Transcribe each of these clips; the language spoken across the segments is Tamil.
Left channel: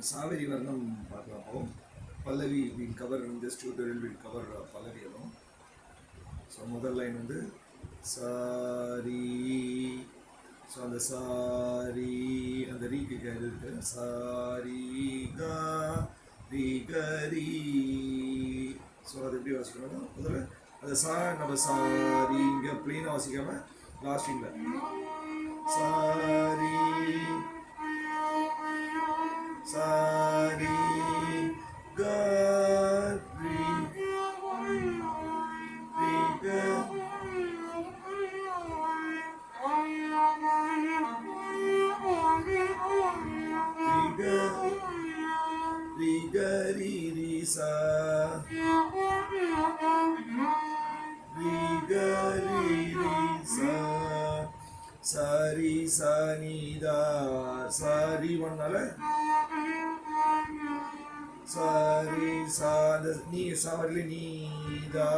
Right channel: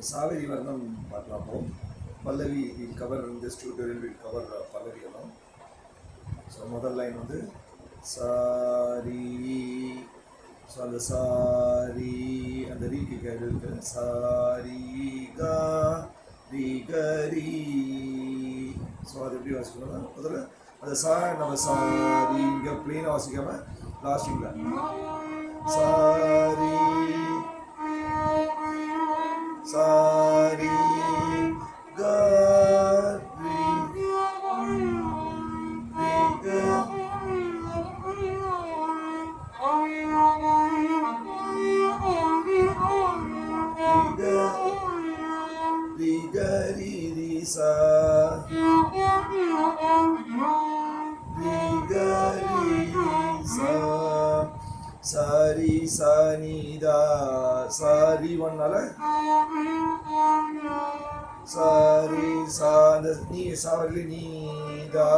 Saveri Varnam Patlapo. Pallavi will cover in this tutorial, will cover Pallavi alone. So, mother line on the Sari. So, on the Sari and the Riki guided Sari Ga Riga Ri. So, the previous one. The Sa and the Sari, you are plain or Sigama, last finger. Sari. Sari ga ri ga ri ga ri ri sa ri ga ri ri sa sari sa ni da sari vannala sari sa ni sari ni da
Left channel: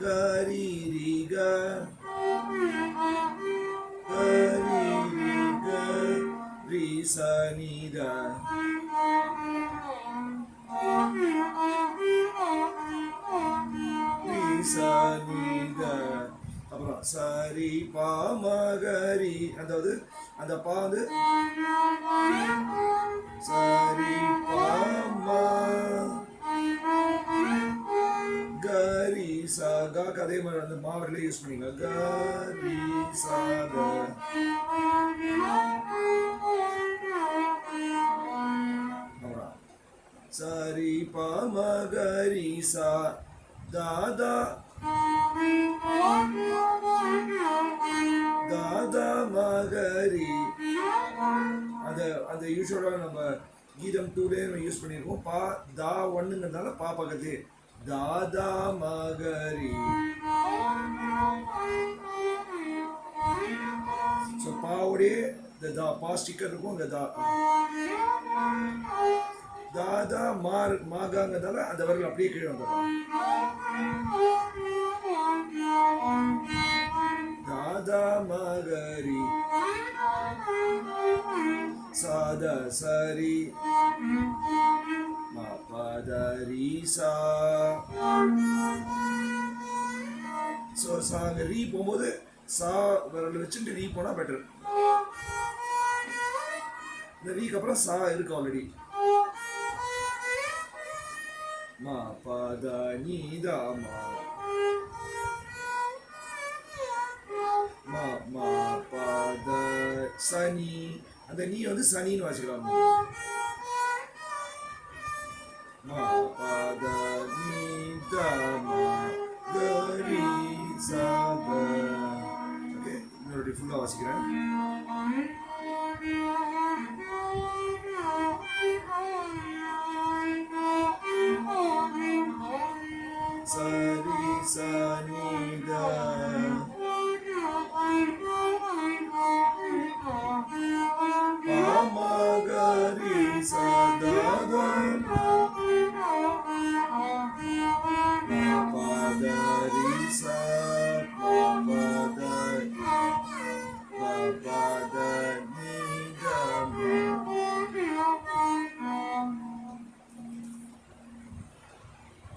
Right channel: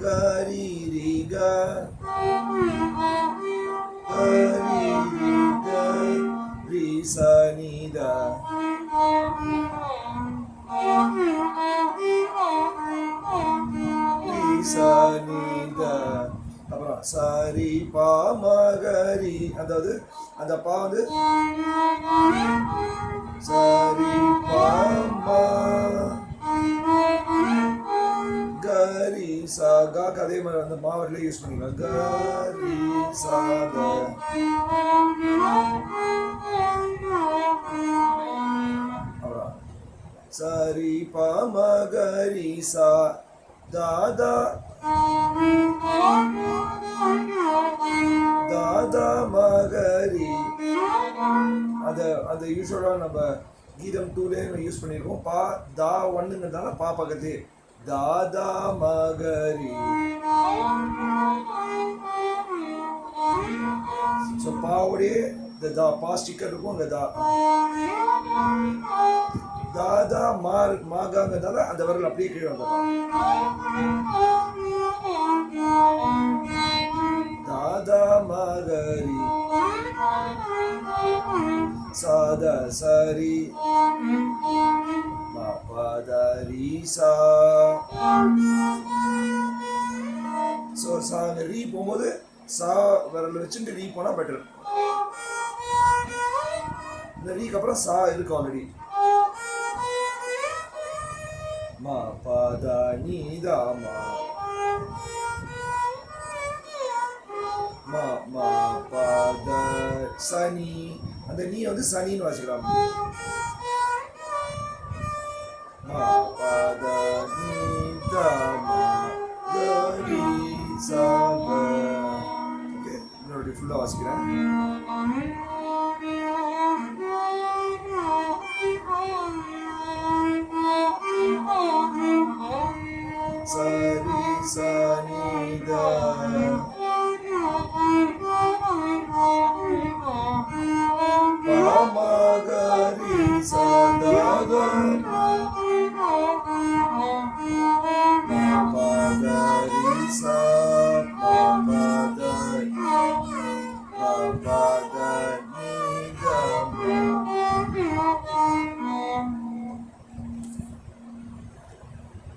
ga ri ri ga ri ri ga ri sa ni da ri sa ni da அப்புறம் சரி பா மகரி அந்த பா வந்து சரி பா கரி சா காக்கு அதே மாதிரி அந்த மாவரிலே யூஸ் பண்ணிக்கலாம் கரி சா அப்புறம் சரி பா மகரி சா தாதா தாதா மகரி அந்த யூஸ்வலாக நம்ம கீதம் 2லே யூஸ் பண்ணியிருக்கோம் பா தா ஒன்னுங்கிறதால பா பக்கத்து தாதா மகரி ஸோ பாவோடைய இந்த தா பா ஸ்டிக்கர் இருக்கும் அந்த தா தாதா மாகாங்கிறதால அந்த வரல் அப்படியே கீழே வந்துடலாம் தாதா மகரி சாதா சரி மா பதரி சா ஸோ சாங்க ரீ போகும்போது சா விரல் வச்சுட்டு ரீ போனால் பெட்டர் இந்த ரீக்கு அப்புறம் சா இருக்கு ஆல்ரெடி மா பத நீ தா மா மா பத சனி அந்த நீ வந்து சனின்னு வச்சுக்கலாம் மா பத நீ தா மா கரி சா ஓகே இன்னொரு ஃபுல்லாக வாசிக்கிறேன்